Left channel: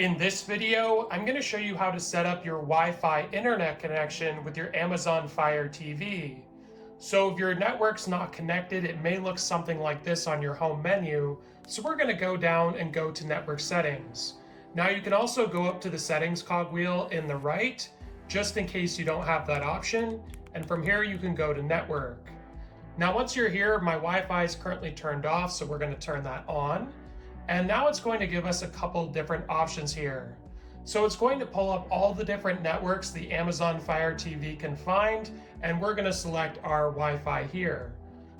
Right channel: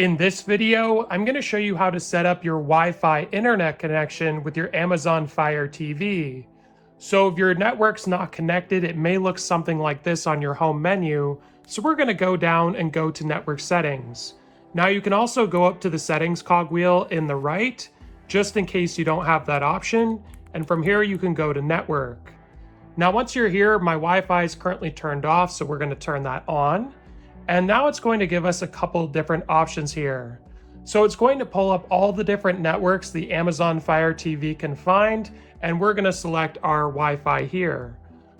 In this video, I'm going to show you how to set up your Wi-Fi internet connection with your Amazon Fire TV. So if your network's not connected, it may look something like this on your home menu. So we're going to go down and go to network settings. Now you can also go up to the settings cogwheel in the right, just in case you don't have that option. And from here, you can go to network. Now, once you're here, my Wi-Fi is currently turned off, so we're going to turn that on. And now it's going to give us a couple different options here. So it's going to pull up all the different networks the Amazon Fire TV can find, and we're going to select our Wi-Fi here.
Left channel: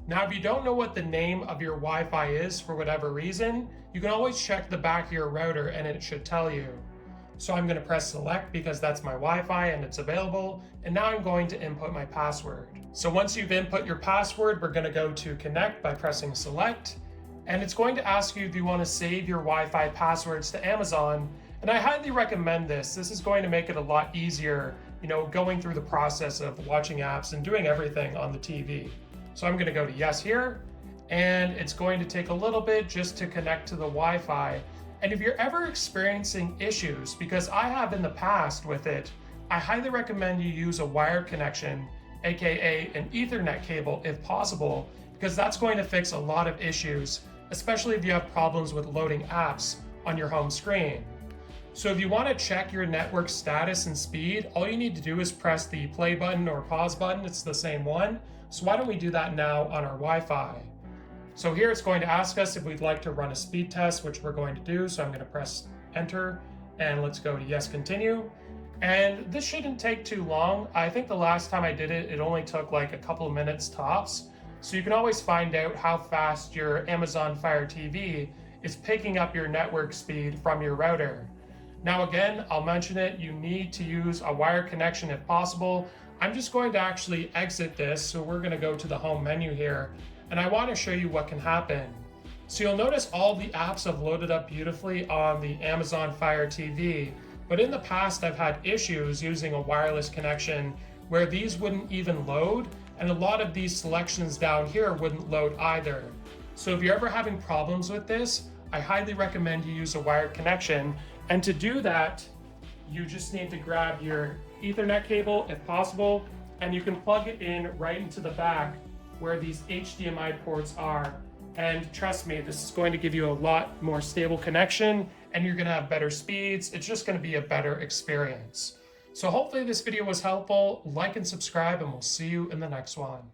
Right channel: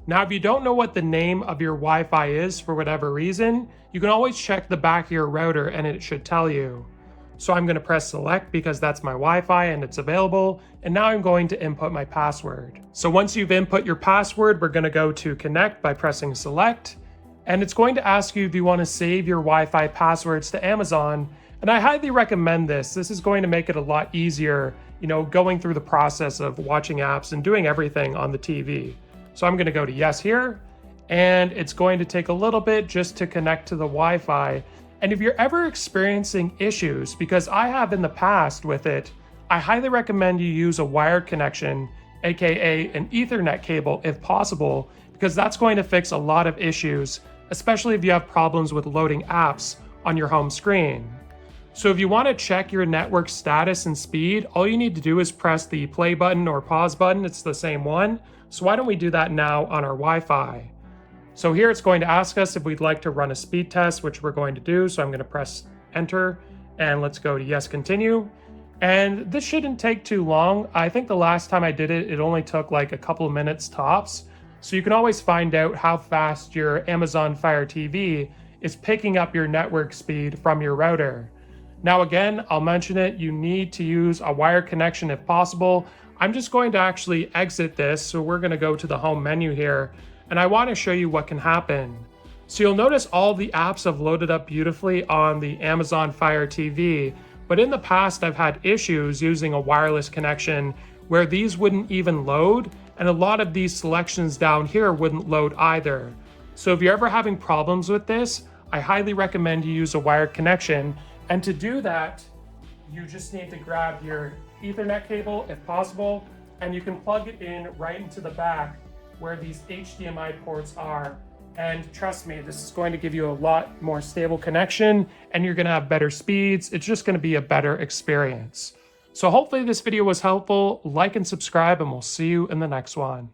Now, if you don't know what the name of your Wi-Fi is for whatever reason, you can always check the back of your router and it should tell you. So I'm going to press select because that's my Wi-Fi and it's available. And now I'm going to input my password. So once you've input your password, we're going to go to connect by pressing select. And it's going to ask you if you want to save your Wi-Fi passwords to Amazon. And I highly recommend this. This is going to make it a lot easier, going through the process of watching apps and doing everything on the TV. So I'm going to go to yes here. And it's going to take a little bit just to connect to the Wi-Fi. And if you're ever experiencing issues, because I have in the past with it, I highly recommend you use a wired connection, aka an Ethernet cable if possible, because that's going to fix a lot of issues, especially if you have problems with loading apps on your home screen. So if you want to check your network status and speed, all you need to do is press the play button or pause button. It's the same one. So why don't we do that now on our Wi-Fi? So here it's going to ask us if we'd like to run a speed test, which we're going to do. So I'm going to press enter and let's go to yes, continue. And this shouldn't take too long. I think the last time I did it, it only took like a couple of minutes tops. So you can always find out how fast your Amazon Fire TV is picking up your network speed from your router. Now again, I'll mention it, you need to use a wired connection if possible. I'm just going to actually exit this. So we're going to go to the home menu here. And I want to show you what can happen. So you'll notice all the apps have loaded up beautifully on the Amazon Fire TV, but in the past I've had issues using a wireless connection where these wouldn't even load, and a lot of these selections down here wouldn't load either. So if you're ever having problems with this, I highly recommend you use a wired connection. And to do that, you just need to grab your Ethernet cable if possible, and you can plug it in right into the back where these HDMI ports are. And trust me, this is going to give you a lot more stable connection and you're gonna have better speeds. It's just gonna be a better experience. So hopefully this video was helpful. Like and subscribe and we'll see you in the next one.